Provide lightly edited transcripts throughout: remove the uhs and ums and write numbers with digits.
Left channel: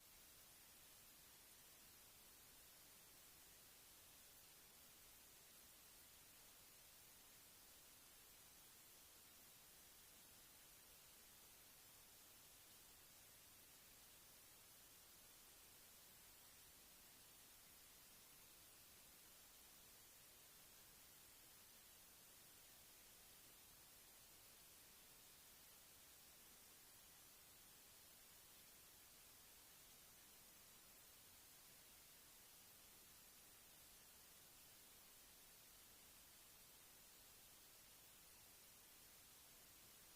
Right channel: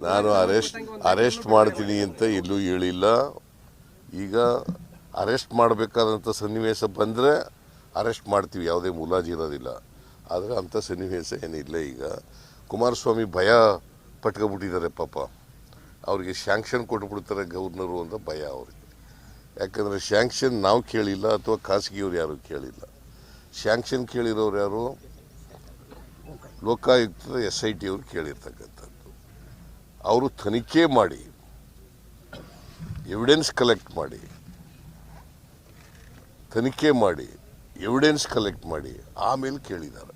ನಾನು ಅರೆಸ್ಟ್ ಮಾಡ್ತೀನಿ ಅಂತ ಎಲ್ಲೂ ಹೇಳಿಲ್ಲ. ಈಗ ಅರೆಸ್ಟ್ ಮಾಡಬೇಕಾದಂಥ ಸನ್ನಿವೇಶ ಬಂದರೆ ಅರೆಸ್ಟ್ ಮಾಡ್ತೀವಿ, ಯಾವುದೇ ಮುಲಾಜಿ ಇರೋದಿಲ್ಲ. ಆದರೆ ಅಂಥ ಸನ್ನಿವೇಶ ಏನಿಲ್ಲ. ಈಗ ಕುಮಾರಸ್ವಾಮಿ ಭಯ ಪಟ್ಕೊಬಿಟ್ಟಿದ್ದಾರೆ ಪಾಪ. ಅವ್ರಿಗೆ ಶ್ಯಾಂಕ್ಷನ್ ಕೊಟ್ಬಿಡ್ತಾರೆ ಗವರ್ನರು ಅಂತ ಭಯ ಅವ್ರಿಗೆ. ಯಾಕಂದರೆ ಶ್ಯಾಂಕ್ಷನ್ ನಾವು ಕೇಳಿಲ್ಲ ಅಥವಾ ಖಾಸಗಿಯವ್ರು ಯಾರು ಕೇಳಿಲ್ಲ. ಶ್ಯಾಂಕ್ಷನ್ ಕೇಳಿರೋರು ಯಾರು? ಲೋಕಾಯುಕ್ತದ SIT ಅವರು ಕೇಳಿರ್ತಕ್ಕಂಥದ್ದು. ಅವರು ತನಿಖೆ ಮಾಡಿ ಎವಿಡೆನ್ಸ್ ಕಲೆಕ್ಟ್ ಮಾಡಿ ಆಮೇಲೆ ಕೇಳಿದ್ದಾರೆ.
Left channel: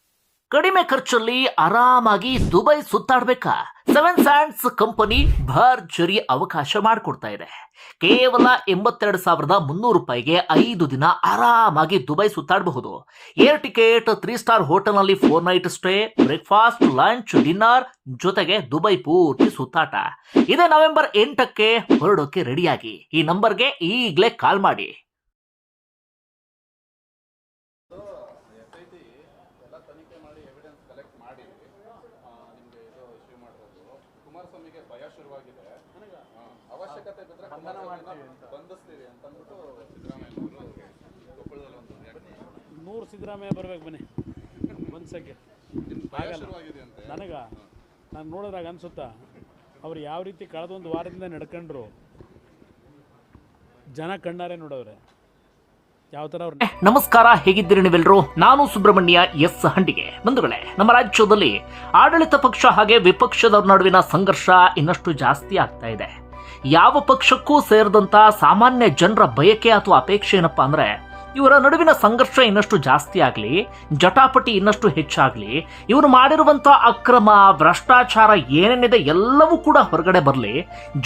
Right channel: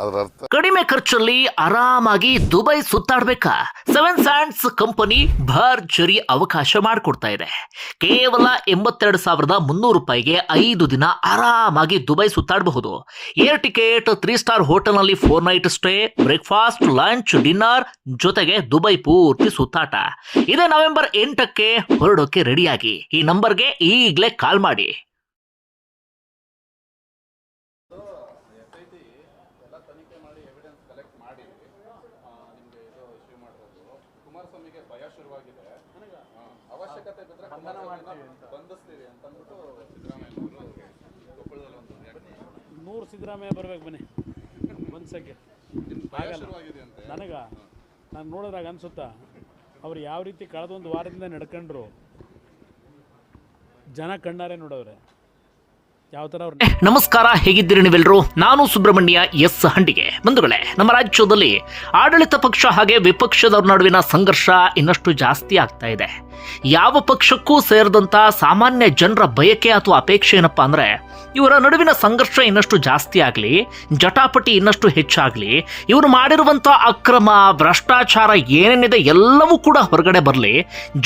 ಅದರ ಅರ್ಥ ಕಡಿಮೆ ಖರ್ಚಲ್ಲಿ ಆರಾಮಾಗಿ ದುಬೈ ಸುತ್ತಾಡ್ಬೇಕಾ? ಸೆವೆನ್ ಸ್ಯಾಂಡ್ಸ್ ಕಂಪನಿ ಭರ್ಜರಿ ಅವಕಾಶ ಮಾಡಿಕೊಡ್ತಾ ಇದೆ. ಕೇವಲ 82,300 ರೂಪಾಯಿಗೆ 5 ದಿನ ಆರಾಮಾಗಿ ದುಬೈ ಸುತ್ತಾಡಬಹುದು. ಏರ್ ಟಿಕೆಟ್, 3 ಸ್ಟಾರ್ ಹೋಟೆಲ್ನಲ್ಲಿ 4 night stay, breakfast, lunch, dinner ಜೊತೆಗೆ ದುಬೈ ಪೂರ್ತಿ ಸುತ್ತಾಟ. ಇದೇ ನವೆಂಬರ್ 8ಕ್ಕೆ ಹೊರಡೋಕೆ ರೆಡಿಯಾಗಿ ಈ ನಂಬರ್ಗೆ ಈಗಲೇ ಕಾಲ್ ಮಾಡಿ. ಕುಮಾರಸ್ವಾಮಿಗೆ ಭಯ ಶುರುವಾಗಿದೆ. ಅವಶ್ಯಕತೆ ಬಿದ್ದರೆ ಬಂಧಿಸ್ತೀವಿ ಅಂತ ಅಂದ್ಬಿಟ್ಟು ಸಿದ್ದರಾಮಯ್ಯ ಕೊಪ್ಪಳದಲ್ಲಿ ಒಂದು 100 ಸಿದ್ದರಾಮಯ್ಯ ಬರ್ಬೇಕು ಬನ್ನಿ ಒಂದ್ಸಕ್ಕೆ ಆಗಲ್ಲ ನಾನು ನೋಡಿದ್ರಾಗ ಅನ್ಸುತ್ತಾ ಅವ್ರು ಯಾವ ರೀತಿ ಕಳೆದೊಂದು ವಾರದಿಂದ ನಡ್ಕೊಂಡ್ರು ಜನ ಕಣ್ಣಾರೆ ನೋಡವ್ರೆ ಯಾವ ತರ. ನಮಸ್ಕಾರ, ಹೇಗಿದ್ದೀರಿ ನೀವೆಲ್ಲರೂ? ನಾನು ಸುಬ್ರಹ್ಮಣ್ಯ ಎಸ್ ಹಂಡಿಗೆ. ಬಂಧುಗಳೇ, ನಮ್ಮ ರಾಜ್ಯದಲ್ಲಿ ಆಡಳಿತ ಪಕ್ಷ ಹಾಗೆ ವಿಪಕ್ಷದ ನಡುವಿನ ಸಂಘರ್ಷ ಇನ್ನಷ್ಟು ಜಾಸ್ತಿ ಆಗ್ತಾ ಇದೆ. ಯಾವ ಪಕ್ಷಕ್ಕೂ ಸೇರಿದಂತ ಸಾಮಾನ್ಯ ಜನರ ಬಯಕೆ ಅಥವಾ ಅಪೇಕ್ಷೆ ಏನಪ್ಪಾ ಅಂದ್ರೆ, ಇವರ ನಡುವಿನ ಸಂಘರ್ಷ ಇನ್ನಷ್ಟು ಜಾಸ್ತಿ ಆಗಲಿ, ಜಟಾಪಟಿ ಇನ್ನಷ್ಟು ಹೆಚ್ಚಾಗಲಿ, ಇವರು ಮಾಡಿರುವಂಥ ಅಕ್ರಮ, ಭ್ರಷ್ಟಾಚಾರ ಏನೇನಿದೆ ಎಲ್ಲವೂ ಕೂಡ ಹೊರಗಡೆ ಬರಲಿ,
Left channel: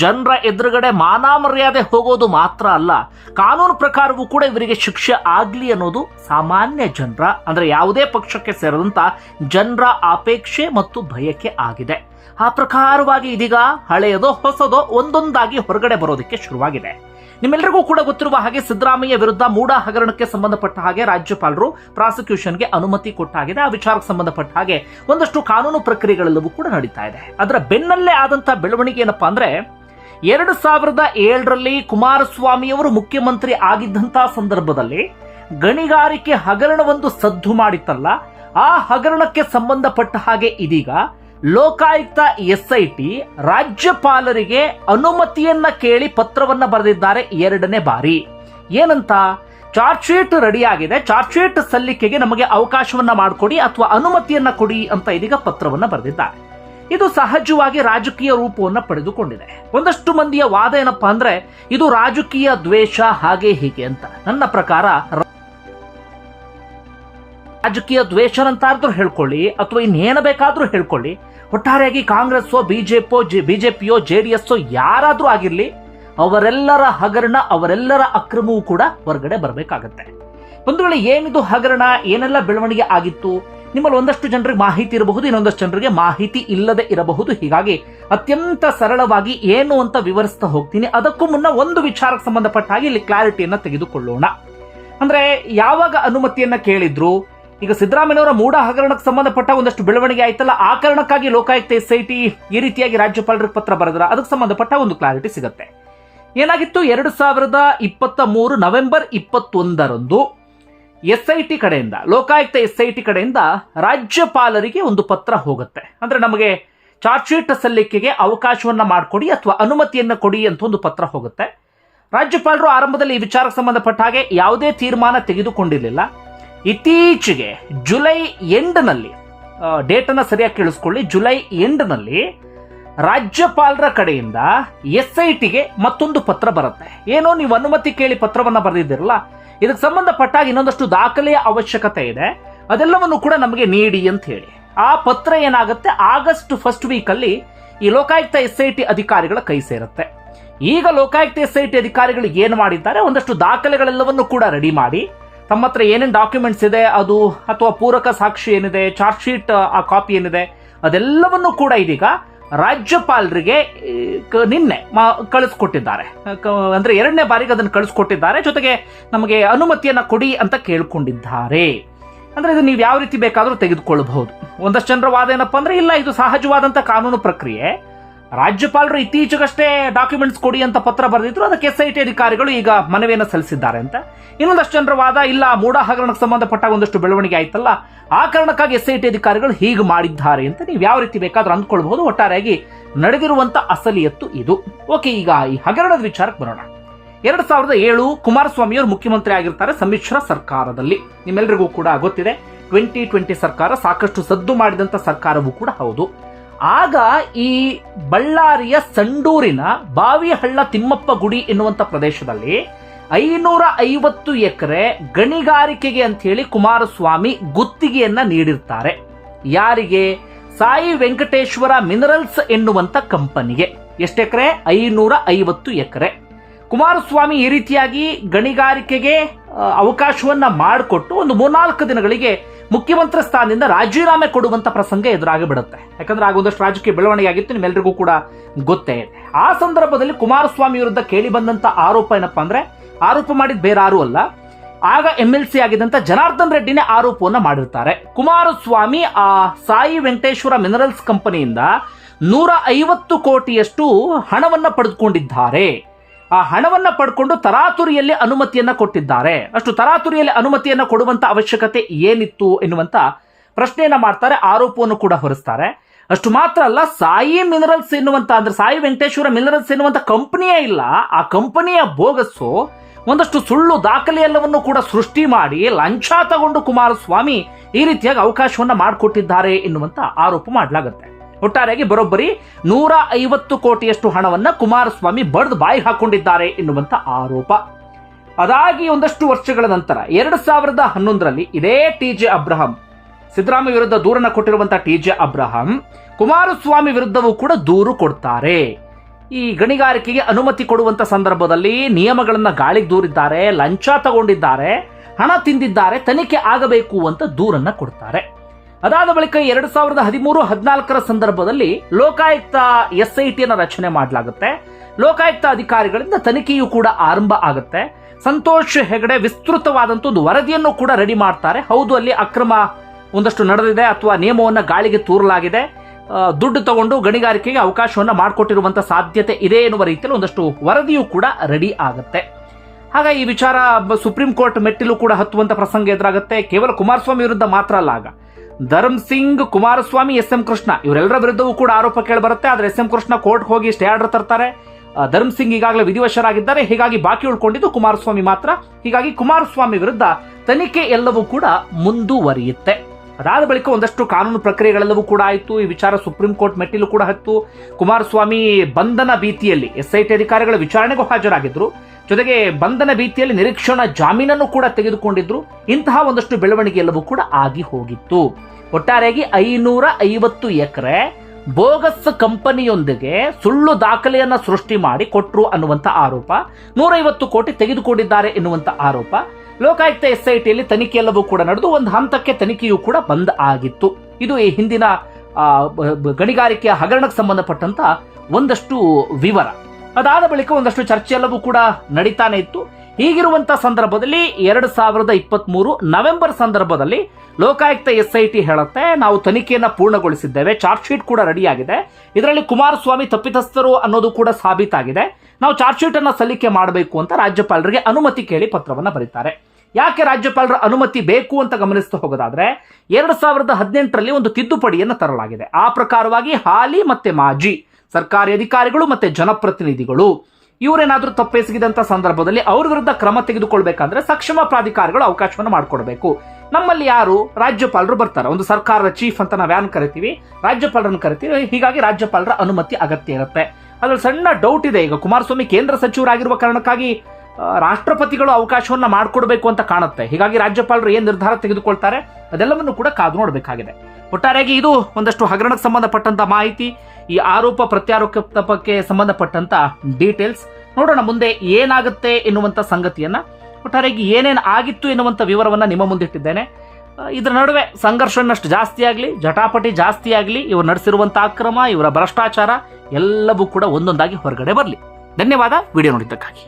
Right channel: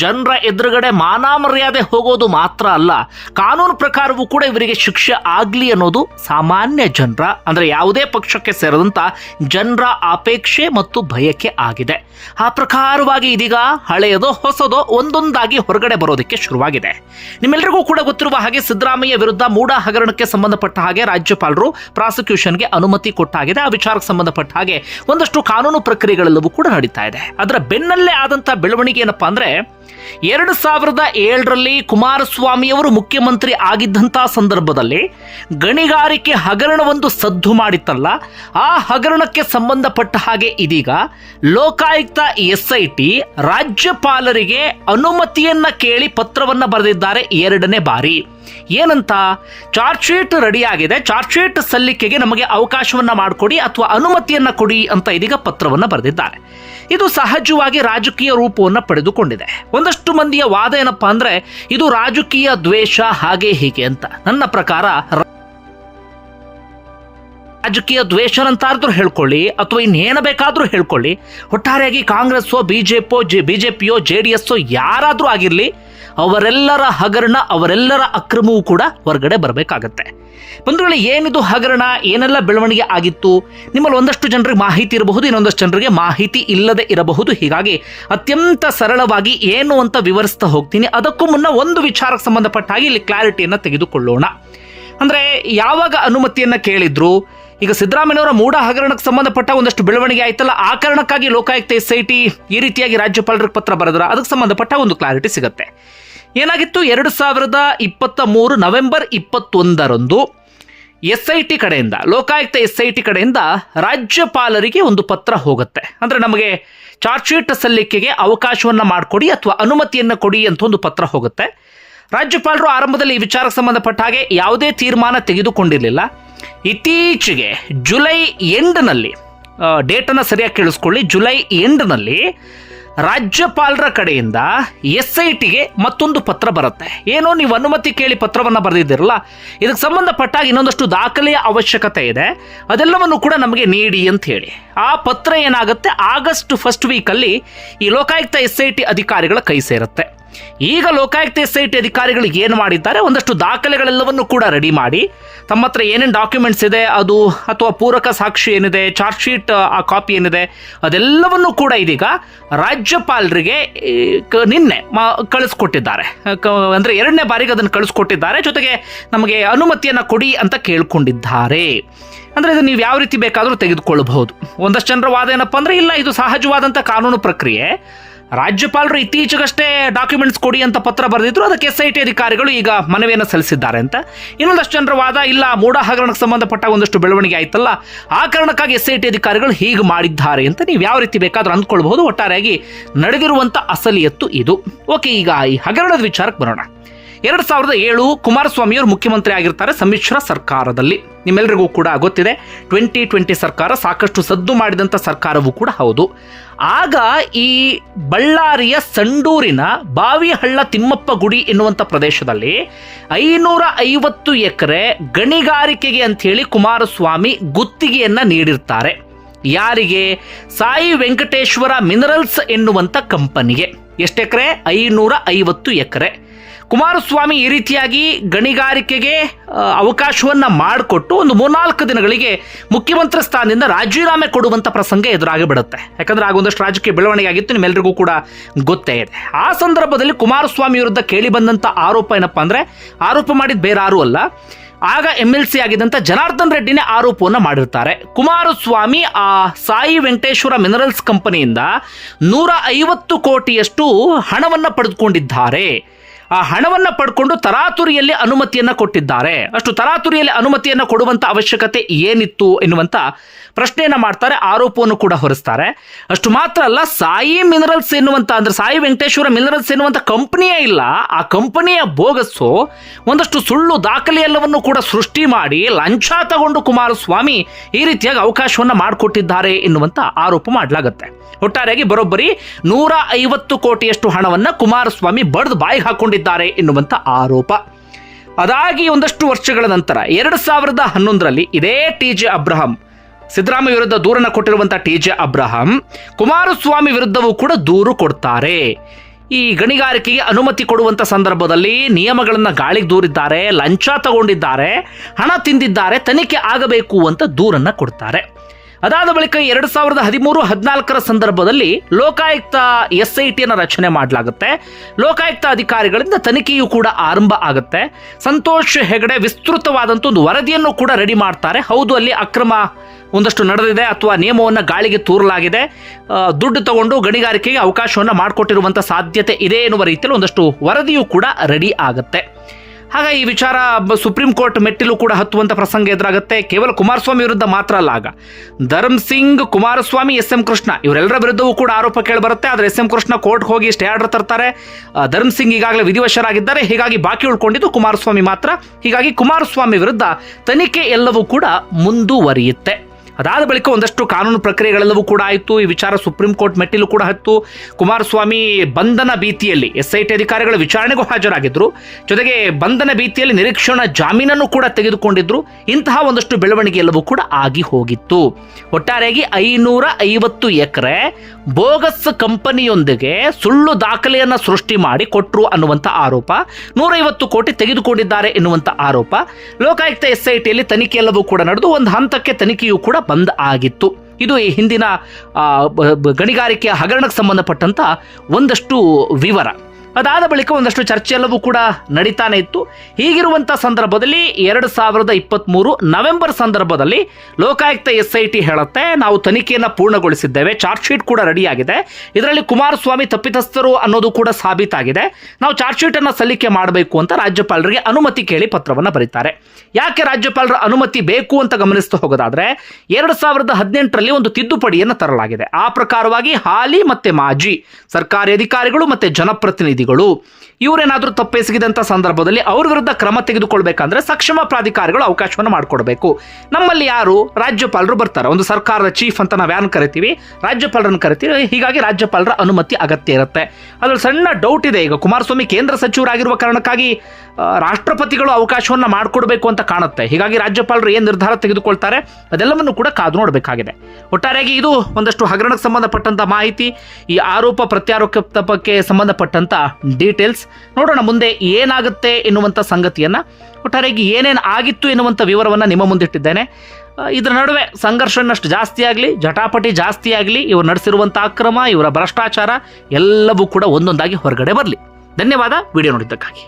ಜನರ ಎದುರುಗಡೆ ಮಾನ ಮರ್ಯಾದೆ ಹೋಗೋದು ಮಾತ್ರ ಅಲ್ಲ, ಕಾನೂನು ಪ್ರಕಾರವೂ ಕೂಡ ಇವರಿಗೆ ಶಿಕ್ಷೆ ಆಗಲಿ ಅನ್ನೋದು ಸಾಮಾನ್ಯ ಜನರ, ಅಂದರೆ ಯಾವುದೇ ಪಕ್ಷಕ್ಕೆ ಸೇರಿದಂಥ ಜನರ ಅಪೇಕ್ಷೆ ಮತ್ತು ಬಯಕೆ ಆಗಿದೆ. ಆ ಪ್ರಕಾರವಾಗಿ ಇದೀಗ ಹಳೆಯದೋ ಹೊಸದೋ ಒಂದೊಂದಾಗಿ ಹೊರಗಡೆ ಬರೋದಕ್ಕೆ ಶುರುವಾಗಿದೆ. ನಿಮ್ಮೆಲ್ಲರಿಗೂ ಕೂಡ ಗೊತ್ತಿರುವ ಹಾಗೆ ಸಿದ್ದರಾಮಯ್ಯ ವಿರುದ್ಧ ಮೂಡ ಹಗರಣಕ್ಕೆ ಸಂಬಂಧಪಟ್ಟ ಹಾಗೆ ರಾಜ್ಯಪಾಲರು ಪ್ರಾಸಿಕ್ಯೂಷನ್ಗೆ ಅನುಮತಿ ಕೊಟ್ಟಾಗಿದೆ. ಆ ವಿಚಾರಕ್ಕೆ ಸಂಬಂಧಪಟ್ಟ ಹಾಗೆ ಒಂದಷ್ಟು ಕಾನೂನು ಪ್ರಕ್ರಿಯೆಗಳೆಲ್ಲವೂ ಕೂಡ ನಡೀತಾ ಇದೆ. ಅದರ ಬೆನ್ನಲ್ಲೇ ಆದಂತಹ ಬೆಳವಣಿಗೆ ಏನಪ್ಪಾ ಅಂದ್ರೆ, 2007ರಲ್ಲಿ ಕುಮಾರಸ್ವಾಮಿಯವರು ಮುಖ್ಯಮಂತ್ರಿ ಆಗಿದ್ದಂಥ ಸಂದರ್ಭದಲ್ಲಿ ಗಣಿಗಾರಿಕೆ ಹಗರಣವೊಂದು ಸದ್ದು ಮಾಡಿತ್ತಲ್ಲ, ಆ ಹಗರಣಕ್ಕೆ ಸಂಬಂಧಪಟ್ಟ ಹಾಗೆ ಇದೀಗ ಲೋಕಾಯುಕ್ತ SIT ರಾಜ್ಯಪಾಲರಿಗೆ ಅನುಮತಿಯನ್ನ ಕೇಳಿ ಪತ್ರವನ್ನ ಬರೆದಿದ್ದಾರೆ 2ನೇ ಬಾರಿ. ಏನಂತ? ಚಾರ್ಜ್ ಶೀಟ್ ರೆಡಿ ಆಗಿದೆ, ಚಾರ್ಜ್ ಶೀಟ್ ಸಲ್ಲಿಕೆಗೆ ನಮಗೆ ಅವಕಾಶವನ್ನ ಮಾಡಿಕೊಡಿ ಅಥವಾ ಅನುಮತಿಯನ್ನ ಕೊಡಿ ಅಂತ ಇದೀಗ ಪತ್ರವನ್ನ ಬರೆದಿದ್ದಾರೆ. ಇದು ಸಹಜವಾಗಿ ರಾಜಕೀಯ ರೂಪವನ್ನು ಪಡೆದುಕೊಂಡಿದೆ. ಒಂದಷ್ಟು ಮಂದಿಯ ವಾದ ಏನಪ್ಪಾ ಅಂದ್ರೆ, ಇದು ರಾಜಕೀಯ ದ್ವೇಷ ಹಾಗೆ ಹೀಗೆ ಅಂತ. ನನ್ನ ಪ್ರಕಾರ ರಾಜಕೀಯ ದ್ವೇಷನಂತಾದ್ರೂ ಹೇಳ್ಕೊಳ್ಳಿ ಅಥವಾ ಇನ್ನೇನು ಬೇಕಾದ್ರೂ ಹೇಳ್ಕೊಳ್ಳಿ, ಒಟ್ಟಾರೆಯಾಗಿ ಕಾಂಗ್ರೆಸ್ಸೋ ಬಿಜೆಪಿಯೋ JDSೋ ಯಾರಾದ್ರೂ ಆಗಿರ್ಲಿ, ಅವರೆಲ್ಲರ ಹಗರಣ, ಅವರೆಲ್ಲರ ಅಕ್ರಮವೂ ಕೂಡ ಹೊರಗಡೆ ಬರಬೇಕಾಗತ್ತೆ. ಬಂಧುಗಳೇ, ಏನಿದು ಹಗರಣ, ಏನೆಲ್ಲ ಬೆಳವಣಿಗೆ ಆಗಿತ್ತು, ನಿಮ್ಮಲ್ಲಿ ಒಂದಷ್ಟು ಜನರಿಗೆ ಮಾಹಿತಿ ಇರಬಹುದು, ಇನ್ನೊಂದಷ್ಟು ಜನರಿಗೆ ಮಾಹಿತಿ ಇಲ್ಲದೆ ಇರಬಹುದು. ಹೀಗಾಗಿ ಅತ್ಯಂತ ಸರಳವಾಗಿ ಏನು ಅಂತ ವಿವರಿಸ್ತಾ ಹೋಗ್ತೀನಿ. ಅದಕ್ಕೂ ಮುನ್ನ ಒಂದು ವಿಚಾರಕ್ಕೆ ಸಂಬಂಧಪಟ್ಟ ಹಾಗೆ ಇಲ್ಲಿ ಕ್ಲಾರಿಟಿಯನ್ನು ತೆಗೆದುಕೊಳ್ಳೋಣ. ಅಂದರೆ ಯಾವಾಗ ಅನುಮತಿಯನ್ನು ಕೇಳಿದ್ರು, ಈಗ ಸಿದ್ದರಾಮಯ್ಯನವರ ಮೂಡ ಹಗರಣಕ್ಕೆ ಸಂಬಂಧಪಟ್ಟ ಒಂದಷ್ಟು ಬೆಳವಣಿಗೆ ಆಯ್ತಲ್ಲ, ಆ ಕಾರಣಕ್ಕಾಗಿ ಲೋಕಾಯುಕ್ತ SIT ಈ ರೀತಿಯಾಗಿ ರಾಜ್ಯಪಾಲರಿಗೆ ಪತ್ರ ಬರೆದ್ರ, ಅದಕ್ಕೆ ಸಂಬಂಧಪಟ್ಟ ಒಂದು ಕ್ಲಾರಿಟಿ ಸಿಗುತ್ತೆ. ಏನಾಗಿತ್ತು, 2023 ನವೆಂಬರ್ 21ರಂದು SIT ಕಡೆಯಿಂದ, ಲೋಕಾಯುಕ್ತ SIT ಕಡೆಯಿಂದ ರಾಜ್ಯಪಾಲರಿಗೆ ಒಂದು ಪತ್ರ ಹೋಗುತ್ತೆ. ಅಂದರೆ ನಮಗೆ ಚಾರ್ಜ್ ಶೀಟ್ ಸಲ್ಲಿಕೆಗೆ ಅವಕಾಶವನ್ನು ಮಾಡಿಕೊಡಿ ಅಥವಾ ಅನುಮತಿಯನ್ನು ಕೊಡಿ ಅಂತ ಒಂದು ಪತ್ರ ಹೋಗುತ್ತೆ. ರಾಜ್ಯಪಾಲರು ಆರಂಭದಲ್ಲಿ ಈ ವಿಚಾರಕ್ಕೆ ಸಂಬಂಧಪಟ್ಟ ಹಾಗೆ ಯಾವುದೇ ತೀರ್ಮಾನ ತೆಗೆದುಕೊಂಡಿರಲಿಲ್ಲ. ಇತ್ತೀಚೆಗೆ ಜುಲೈ ಎಂಡ್ನಲ್ಲಿ, ಡೇಟನ್ನು ಸರಿಯಾಗಿ ಕೇಳಿಸ್ಕೊಳ್ಳಿ, ಜುಲೈ ಎಂಡ್ನಲ್ಲಿ ರಾಜ್ಯಪಾಲರ ಕಡೆಯಿಂದ SITಗೆ ಮತ್ತೊಂದು ಪತ್ರ ಬರುತ್ತೆ. ಏನೋ ನೀವು ಅನುಮತಿ ಕೇಳಿ ಪತ್ರವನ್ನು ಬರೆದಿದ್ದೀರಲ್ಲ, ಇದಕ್ಕೆ ಸಂಬಂಧಪಟ್ಟಾಗ ಇನ್ನೊಂದಷ್ಟು ದಾಖಲೆಯ ಅವಶ್ಯಕತೆ ಇದೆ, ಅದೆಲ್ಲವನ್ನು ಕೂಡ ನಮಗೆ ನೀಡಿ ಅಂತ ಹೇಳಿ. ಆ ಪತ್ರ ಏನಾಗುತ್ತೆ, ಆಗಸ್ಟ್ 1st ವೀಕಲ್ಲಿ ಈ ಲೋಕಾಯುಕ್ತ SIT ಅಧಿಕಾರಿಗಳ ಕೈ ಸೇರುತ್ತೆ. ಈಗ ಲೋಕಾಯುಕ್ತ SIT ಅಧಿಕಾರಿಗಳು ಏನು ಮಾಡಿದ್ದಾರೆ, ಒಂದಷ್ಟು ದಾಖಲೆಗಳೆಲ್ಲವನ್ನು ಕೂಡ ರೆಡಿ ಮಾಡಿ ತಮ್ಮ ಹತ್ರ ಏನೇನು ಡಾಕ್ಯುಮೆಂಟ್ಸ್ ಇದೆ ಅದು, ಅಥವಾ ಪೂರಕ ಸಾಕ್ಷಿ ಏನಿದೆ, ಚಾರ್ಜ್ ಶೀಟ್ ಆ ಕಾಪಿ ಏನಿದೆ, ಅದೆಲ್ಲವನ್ನು ಕೂಡ ಇದೀಗ ರಾಜ್ಯಪಾಲರಿಗೆ ನಿನ್ನೆ ಕಳಿಸ್ಕೊಟ್ಟಿದ್ದಾರೆ. ಅಂದರೆ 2ನೇ ಬಾರಿಗೆ ಅದನ್ನು ಕಳಿಸ್ಕೊಟ್ಟಿದ್ದಾರೆ. ಜೊತೆಗೆ ನಮಗೆ ಅನುಮತಿಯನ್ನು ಕೊಡಿ ಅಂತ ಕೇಳ್ಕೊಂಡಿದ್ದಾರೆ. ಅಂದರೆ ಇದು ನೀವು ಯಾವ ರೀತಿ ಬೇಕಾದರೂ ತೆಗೆದುಕೊಳ್ಳಬಹುದು. ಒಂದಷ್ಟು ಜನರ ವಾದ ಏನಪ್ಪ ಅಂದರೆ, ಇಲ್ಲ ಇದು ಸಹಜವಾದಂಥ ಕಾನೂನು ಪ್ರಕ್ರಿಯೆ, ರಾಜ್ಯಪಾಲರು ಇತ್ತೀಚೆಗಷ್ಟೇ ಡಾಕ್ಯುಮೆಂಟ್ಸ್ ಕೊಡಿ ಅಂತ ಪತ್ರ ಬರೆದಿದ್ರು, ಅದಕ್ಕೆ SIT ಅಧಿಕಾರಿಗಳು ಈಗ ಮನವಿಯನ್ನು ಸಲ್ಲಿಸಿದ್ದಾರೆ ಅಂತ. ಇನ್ನೊಂದಷ್ಟು ಜನರ ವಾದ, ಇಲ್ಲ ಮೂಡ ಹಗರಣಕ್ಕೆ ಸಂಬಂಧಪಟ್ಟ ಒಂದಷ್ಟು ಬೆಳವಣಿಗೆ ಆಯ್ತಲ್ಲ, ಆ ಕಾರಣಕ್ಕಾಗಿ SIT ಅಧಿಕಾರಿಗಳು ಹೀಗೆ ಮಾಡಿದ್ದಾರೆ ಅಂತ ನೀವು ಯಾವ ರೀತಿ ಬೇಕಾದರೂ ಅಂದ್ಕೊಳ್ಬಹುದು. ಒಟ್ಟಾರೆಯಾಗಿ ನಡೆದಿರುವಂಥ ಅಸಲಿಯತ್ತು ಇದು. ಓಕೆ, ಈಗ ಈ ಹಗರಣದ ವಿಚಾರಕ್ಕೆ ಬರೋಣ. 2007 ಕುಮಾರಸ್ವಾಮಿಯವರು ಮುಖ್ಯಮಂತ್ರಿ ಆಗಿರ್ತಾರೆ ಸಮ್ಮಿಶ್ರ ಸರ್ಕಾರದಲ್ಲಿ. ನಿಮ್ಮೆಲ್ಲರಿಗೂ ಕೂಡ ಗೊತ್ತಿದೆ, 2020 ಸರ್ಕಾರ ಸಾಕಷ್ಟು ಸದ್ದು ಮಾಡಿದಂಥ ಸರ್ಕಾರವೂ ಕೂಡ ಹೌದು. ಆಗ ಈ ಬಳ್ಳಾರಿಯ ಸಂಡೂರಿನ ಬಾವಿಹಳ್ಳ ತಿಮ್ಮಪ್ಪ ಗುಡಿ ಎನ್ನುವಂಥ ಪ್ರದೇಶದಲ್ಲಿ 550 ಎಕರೆ ಗಣಿಗಾರಿಕೆಗೆ ಅಂಥೇಳಿ ಕುಮಾರಸ್ವಾಮಿ ಗುತ್ತಿಗೆಯನ್ನು ನೀಡಿರ್ತಾರೆ. ಯಾರಿಗೆ? ಸಾಯಿ ವೆಂಕಟೇಶ್ವರ ಮಿನರಲ್ಸ್ ಎನ್ನುವಂಥ ಕಂಪನಿಗೆ. ಎಷ್ಟು ಎಕರೆ? 550 ಎಕರೆ. ಕುಮಾರಸ್ವಾಮಿ ಈ ರೀತಿಯಾಗಿ ಗಣಿಗಾರಿಕೆಗೆ ಅವಕಾಶವನ್ನು ಮಾಡಿಕೊಟ್ಟು ಒಂದು 3-4 ದಿನಗಳಿಗೆ ಮುಖ್ಯಮಂತ್ರಿ ಸ್ಥಾನದಿಂದ ರಾಜೀನಾಮೆ ಕೊಡುವಂಥ ಪ್ರಸಂಗ ಎದುರಾಗಿ ಬಿಡುತ್ತೆ. ಯಾಕಂದರೆ ಆಗ ಒಂದಷ್ಟು ರಾಜಕೀಯ ಬೆಳವಣಿಗೆ ಆಗಿತ್ತು, ನಿಮ್ಮೆಲ್ಲರಿಗೂ ಕೂಡ ಗೊತ್ತೇ ಇದೆ. ಆ ಸಂದರ್ಭದಲ್ಲಿ ಕುಮಾರಸ್ವಾಮಿ ವಿರುದ್ಧ ಕೇಳಿ ಬಂದಂಥ ಆರೋಪ ಏನಪ್ಪ ಅಂದರೆ, ಆರೋಪ ಮಾಡಿದ ಬೇರೆ ಯಾರೂ ಅಲ್ಲ, ಆಗ MLC ಆಗಿದ್ದಂಥ ಜನಾರ್ದನ್ ರೆಡ್ಡಿನೇ ಆರೋಪವನ್ನು ಮಾಡಿರ್ತಾರೆ. ಕುಮಾರಸ್ವಾಮಿ ಆ ಸಾಯಿ ವೆಂಕಟೇಶ್ವರ ಮಿನರಲ್ಸ್ ಕಂಪನಿಯಿಂದ 150 ಕೋಟಿಯಷ್ಟು ಹಣವನ್ನು ಪಡೆದುಕೊಂಡಿದ್ದಾರೆ. ಆ ಹಣವನ್ನು ಪಡ್ಕೊಂಡು ತರಾತುರಿಯಲ್ಲಿ ಅನುಮತಿಯನ್ನು ಕೊಟ್ಟಿದ್ದಾರೆ. ಅಷ್ಟು ತರಾತುರಿಯಲ್ಲಿ ಅನುಮತಿಯನ್ನು ಕೊಡುವಂಥ ಅವಶ್ಯಕತೆ ಏನಿತ್ತು ಎನ್ನುವಂಥ ಪ್ರಶ್ನೆಯನ್ನು ಮಾಡ್ತಾರೆ, ಆರೋಪವನ್ನು ಕೂಡ ಹೊರಿಸ್ತಾರೆ. ಅಷ್ಟು ಮಾತ್ರ ಅಲ್ಲ, ಸಾಯಿ ಮಿನರಲ್ಸ್ ಎನ್ನುವಂಥ, ಅಂದರೆ ಸಾಯಿ ವೆಂಕಟೇಶ್ವರ ಮಿನರಲ್ಸ್ ಎನ್ನುವಂಥ ಕಂಪನಿಯೇ ಇಲ್ಲ, ಆ ಕಂಪನಿಯ ಬೋಗಸ್ಸು ಒಂದಷ್ಟು ಸುಳ್ಳು ದಾಖಲೆ ಎಲ್ಲವನ್ನು ಕೂಡ ಸೃಷ್ಟಿ ಮಾಡಿ ಲಂಚ ತಗೊಂಡು ಕುಮಾರಸ್ವಾಮಿ ಈ ರೀತಿಯಾಗಿ ಅವಕಾಶವನ್ನು ಮಾಡಿಕೊಟ್ಟಿದ್ದಾರೆ ಎನ್ನುವಂಥ ಆರೋಪ ಮಾಡಲಾಗುತ್ತೆ. ಒಟ್ಟಾರೆಯಾಗಿ ಬರೋಬ್ಬರಿ 150 ಕೋಟಿಯಷ್ಟು ಹಣವನ್ನು ಕುಮಾರಸ್ವಾಮಿ ಬಡ್ದು ಬಾಯಿಗೆ ಹಾಕೊಂಡಿದ್ದಾರೆ ಎನ್ನುವಂಥ ಆರೋಪ. ಅದಾಗಿ ಒಂದಷ್ಟು ವರ್ಷಗಳ ನಂತರ 2011ರಲ್ಲಿ ಇದೇ TJ ಅಬ್ರಹಾಂ, ಸಿದ್ದರಾಮಯ್ಯ ವಿರುದ್ಧ ದೂರನ್ನು ಕೊಟ್ಟಿರುವಂಥ TJ ಅಬ್ರಹಾಂ ಕುಮಾರಸ್ವಾಮಿ ವಿರುದ್ಧವೂ ಕೂಡ ದೂರು ಕೊಡ್ತಾರೆ. ಈ ಗಣಿಗಾರಿಕೆಗೆ ಅನುಮತಿ ಕೊಡುವಂಥ ಸಂದರ್ಭದಲ್ಲಿ ನಿಯಮಗಳನ್ನು ಗಾಳಿಗೆ ದೂರಿದ್ದಾರೆ, ಲಂಚ ತಗೊಂಡಿದ್ದಾರೆ, ಹಣ ತಿಂದಿದ್ದಾರೆ, ತನಿಖೆ ಆಗಬೇಕು ಅಂತ ದೂರನ್ನು ಕೊಡ್ತಾರೆ. ಅದಾದ ಬಳಿಕ 2013-14ರ ಸಂದರ್ಭದಲ್ಲಿ ಲೋಕಾಯುಕ್ತ SITಯನ್ನು ರಚನೆ ಮಾಡಲಾಗುತ್ತೆ. ಲೋಕಾಯುಕ್ತ ಅಧಿಕಾರಿಗಳಿಂದ ತನಿಖೆಯೂ ಕೂಡ ಆರಂಭ ಆಗುತ್ತೆ. ಸಂತೋಷ್ ಹೆಗಡೆ ವಿಸ್ತೃತವಾದಂಥ ಒಂದು ವರದಿಯನ್ನು ಕೂಡ ರೆಡಿ ಮಾಡ್ತಾರೆ. ಹೌದು, ಅಲ್ಲಿ ಅಕ್ರಮ ಒಂದಷ್ಟು ನಡೆದಿದೆ ಅಥವಾ ನಿಯಮವನ್ನು ಗಾಳಿಗೆ ತೂರಲಾಗಿದೆ, ದುಡ್ಡು ತಗೊಂಡು ಗಣಿಗಾರಿಕೆಗೆ ಅವಕಾಶವನ್ನು ಮಾಡಿಕೊಟ್ಟಿರುವಂಥ ಸಾಧ್ಯತೆ ಇದೆ ಎನ್ನುವ ರೀತಿಯಲ್ಲಿ ಒಂದಷ್ಟು ವರದಿಯೂ ಕೂಡ ರೆಡಿ ಆಗುತ್ತೆ. ಹಾಗಾಗಿ ಈ ವಿಚಾರ ಸುಪ್ರೀಂ ಕೋರ್ಟ್ ಮೆಟ್ಟಿಲು ಕೂಡ ಹತ್ತುವಂಥ ಪ್ರಸಂಗ ಎದುರಾಗುತ್ತೆ. ಕೇವಲ ಕುಮಾರಸ್ವಾಮಿ ವಿರುದ್ಧ ಮಾತ್ರ ಅಲ್ಲ, ಆಗ ಧರ್ಮ್ ಸಿಂಗ್, ಕುಮಾರಸ್ವಾಮಿ, SM ಕೃಷ್ಣ ಇವರೆಲ್ಲರ ವಿರುದ್ಧವೂ ಕೂಡ ಆರೋಪ ಕೇಳಿಬರುತ್ತೆ. ಆದರೆ SM ಕೃಷ್ಣ ಕೋರ್ಟ್ ಹೋಗಿ ಸ್ಟೇ ಆರ್ಡರ್ ತರ್ತಾರೆ. ಧರ್ಮ್ ಸಿಂಗ್ ಈಗಾಗಲೇ ವಿಧಿವಶರಾಗಿದ್ದಾರೆ. ಹೀಗಾಗಿ ಬಾಕಿ ಉಳ್ಕೊಂಡಿದ್ದು ಕುಮಾರಸ್ವಾಮಿ ಮಾತ್ರ. ಹೀಗಾಗಿ ಕುಮಾರಸ್ವಾಮಿ ವಿರುದ್ಧ ತನಿಖೆ ಎಲ್ಲವೂ ಕೂಡ ಮುಂದುವರಿಯುತ್ತೆ. ಅದಾದ ಬಳಿಕ ಒಂದಷ್ಟು ಕಾನೂನು ಪ್ರಕ್ರಿಯೆಗಳೆಲ್ಲವೂ ಕೂಡ ಆಯಿತು. ಈ ವಿಚಾರ ಸುಪ್ರೀಂ ಕೋರ್ಟ್ ಮೆಟ್ಟಿಲು ಕೂಡ ಹತ್ತು. ಕುಮಾರಸ್ವಾಮಿ ಬಂಧನ ಭೀತಿಯಲ್ಲಿ SIT ಅಧಿಕಾರಿಗಳ ವಿಚಾರಣೆಗೂ ಹಾಜರಾಗಿದ್ದರು. ಜೊತೆಗೆ ಬಂಧನ ಭೀತಿಯಲ್ಲಿ ನಿರೀಕ್ಷಣಾ ಜಾಮೀನನ್ನು ಕೂಡ ತೆಗೆದುಕೊಂಡಿದ್ರು. ಇಂತಹ ಒಂದಷ್ಟು ಬೆಳವಣಿಗೆ ಎಲ್ಲವೂ ಕೂಡ ಆಗಿ ಹೋಗಿತ್ತು. ಒಟ್ಟಾರೆಯಾಗಿ 550 ಎಕರೆ ಬೋಗಸ್ ಕಂಪನಿಯೊಂದಿಗೆ ಸುಳ್ಳು ದಾಖಲೆಯನ್ನು ಸೃಷ್ಟಿ ಮಾಡಿ ಕೊಟ್ಟರು ಅನ್ನುವಂಥ ಆರೋಪ, 150 ಕೋಟಿ ತೆಗೆದುಕೊಂಡಿದ್ದಾರೆ ಎನ್ನುವಂಥ ಆರೋಪ. ಲೋಕಾಯುಕ್ತ SITಯಲ್ಲಿ ತನಿಖೆ ಎಲ್ಲವೂ ಕೂಡ ನಡೆದು ಒಂದು ಹಂತಕ್ಕೆ ತನಿಖೆಯೂ ಕೂಡ ಬಂದ್ ಆಗಿತ್ತು. ಇದು ಈ ಹಿಂದಿನ ಗಣಿಗಾರಿಕೆಯ ಹಗರಣಕ್ಕೆ ಸಂಬಂಧಪಟ್ಟಂಥ ಒಂದಷ್ಟು ವಿವರ. ಅದಾದ ಬಳಿಕ ಒಂದಷ್ಟು ಚರ್ಚೆ ಎಲ್ಲವೂ ಕೂಡ ನಡೀತಾನೆ ಇತ್ತು. ಹೀಗಿರುವಂಥ ಸಂದರ್ಭದಲ್ಲಿ 2023 ನವೆಂಬರ್ ಸಂದರ್ಭದಲ್ಲಿ ಲೋಕಾಯುಕ್ತ SIT ಹೇಳುತ್ತೆ, ನಾವು ತನಿಖೆಯನ್ನು ಪೂರ್ಣಗೊಳಿಸಿದ್ದೇವೆ, ಚಾರ್ಜ್ ಶೀಟ್ ಕೂಡ ರೆಡಿಯಾಗಿದೆ, ಇದರಲ್ಲಿ ಕುಮಾರಸ್ವಾಮಿ ತಪ್ಪಿತಸ್ಥರು ಅನ್ನೋದು ಕೂಡ ಸಾಬೀತಾಗಿದೆ, ನಾವು ಚಾರ್ಜ್ ಶೀಟನ್ನು ಸಲ್ಲಿಕೆ ಮಾಡಬೇಕು ಅಂತ ರಾಜ್ಯಪಾಲರಿಗೆ ಅನುಮತಿ ಕೇಳಿ ಪತ್ರವನ್ನು ಬರೀತಾರೆ. ಯಾಕೆ ರಾಜ್ಯಪಾಲರ ಅನುಮತಿ ಬೇಕು ಅಂತ ಗಮನಿಸ್ತಾ ಹೋಗೋದಾದ್ರೆ, 2018ರಲ್ಲಿ ಒಂದು ತಿದ್ದುಪಡಿಯನ್ನು ತರಲಾಗಿದೆ. ಆ ಪ್ರಕಾರವಾಗಿ ಹಾಲಿ ಮತ್ತೆ ಮಾಜಿ ಸರ್ಕಾರಿ ಅಧಿಕಾರಿಗಳು ಮತ್ತೆ ಜನಪ್ರತಿನಿಧಿಗಳು ಇವರೇನಾದರೂ ತಪ್ಪೆಸಗಿದಂಥ ಸಂದರ್ಭದಲ್ಲಿ ಅವ್ರ ವಿರುದ್ಧ ಕ್ರಮ ತೆಗೆದುಕೊಳ್ಬೇಕಂದ್ರೆ ಸಕ್ಷಮ ಪ್ರಾಧಿಕಾರಿಗಳು ಅವಕಾಶವನ್ನು ಮಾಡಿಕೊಡ್ಬೇಕು. ನಮ್ಮಲ್ಲಿ ಯಾರು? ರಾಜ್ಯಪಾಲರು ಬರ್ತಾರೆ. ಒಂದು ಸರ್ಕಾರದ ಚೀಫ್ ಅಂತ ನಾವು ಯಾರನ್ನು ಕರಿತೀವಿ, ರಾಜ್ಯಪಾಲರನ್ನು ಕರಿತೀವಿ. ಹೀಗಾಗಿ ರಾಜ್ಯಪಾಲರ ಅನುಮತಿ ಅಗತ್ಯ ಇರುತ್ತೆ. ಅದ್ರಲ್ಲಿ ಸಣ್ಣ ಡೌಟ್ ಇದೆ. ಈಗ ಕುಮಾರಸ್ವಾಮಿ ಕೇಂದ್ರ ಸಚಿವರಾಗಿರುವ ಕಾರಣಕ್ಕಾಗಿ ರಾಷ್ಟ್ರಪತಿಗಳು ಅವಕಾಶವನ್ನು ಮಾಡಿಕೊಡ್ಬೇಕು ಅಂತ ಕಾಣುತ್ತೆ. ಹೀಗಾಗಿ ರಾಜ್ಯಪಾಲರು ಏನು ನಿರ್ಧಾರ ತೆಗೆದುಕೊಳ್ತಾರೆ ಅದೆಲ್ಲವನ್ನು ಕೂಡ ಕಾದು ನೋಡಬೇಕಾಗಿದೆ. ಒಟ್ಟಾರೆಯಾಗಿ ಇದು ಒಂದಷ್ಟು ಹಗರಣಕ್ಕೆ ಸಂಬಂಧಪಟ್ಟಂಥ ಮಾಹಿತಿ, ಈ ಆರೋಪ ಪ್ರತ್ಯಾರೋಪಕ್ಕೆ ಸಂಬಂಧಪಟ್ಟಂಥ ಡೀಟೇಲ್ಸ್. ನೋಡೋಣ ಮುಂದೆ ಏನಾಗುತ್ತೆ ಎನ್ನುವಂಥ ಸಂಗತಿಯನ್ನು. ಒಟ್ಟಾರೆಯಾಗಿ ಏನೇನು ಆಗಿತ್ತು ಎನ್ನುವಂಥ ವಿವರವನ್ನು ನಿಮ್ಮ ಮುಂದಿಟ್ಟಿದ್ದೇನೆ. ಇದರ ನಡುವೆ ಸಂಘರ್ಷನಷ್ಟು ಜಾಸ್ತಿ ಆಗಲಿ, ಜಟಾಪಟಿ ಜಾಸ್ತಿ ಆಗಲಿ, ಇವರು ನಡೆಸಿರುವಂಥ ಅಕ್ರಮ, ಇವರ ಭ್ರಷ್ಟಾಚಾರ ಎಲ್ಲವೂ ಕೂಡ ಒಂದೊಂದಾಗಿ ಹೊರಗಡೆ ಬರಲಿ. ಧನ್ಯವಾದ ವಿಡಿಯೋ ನೋಡಿದ್ದಕ್ಕಾಗಿ.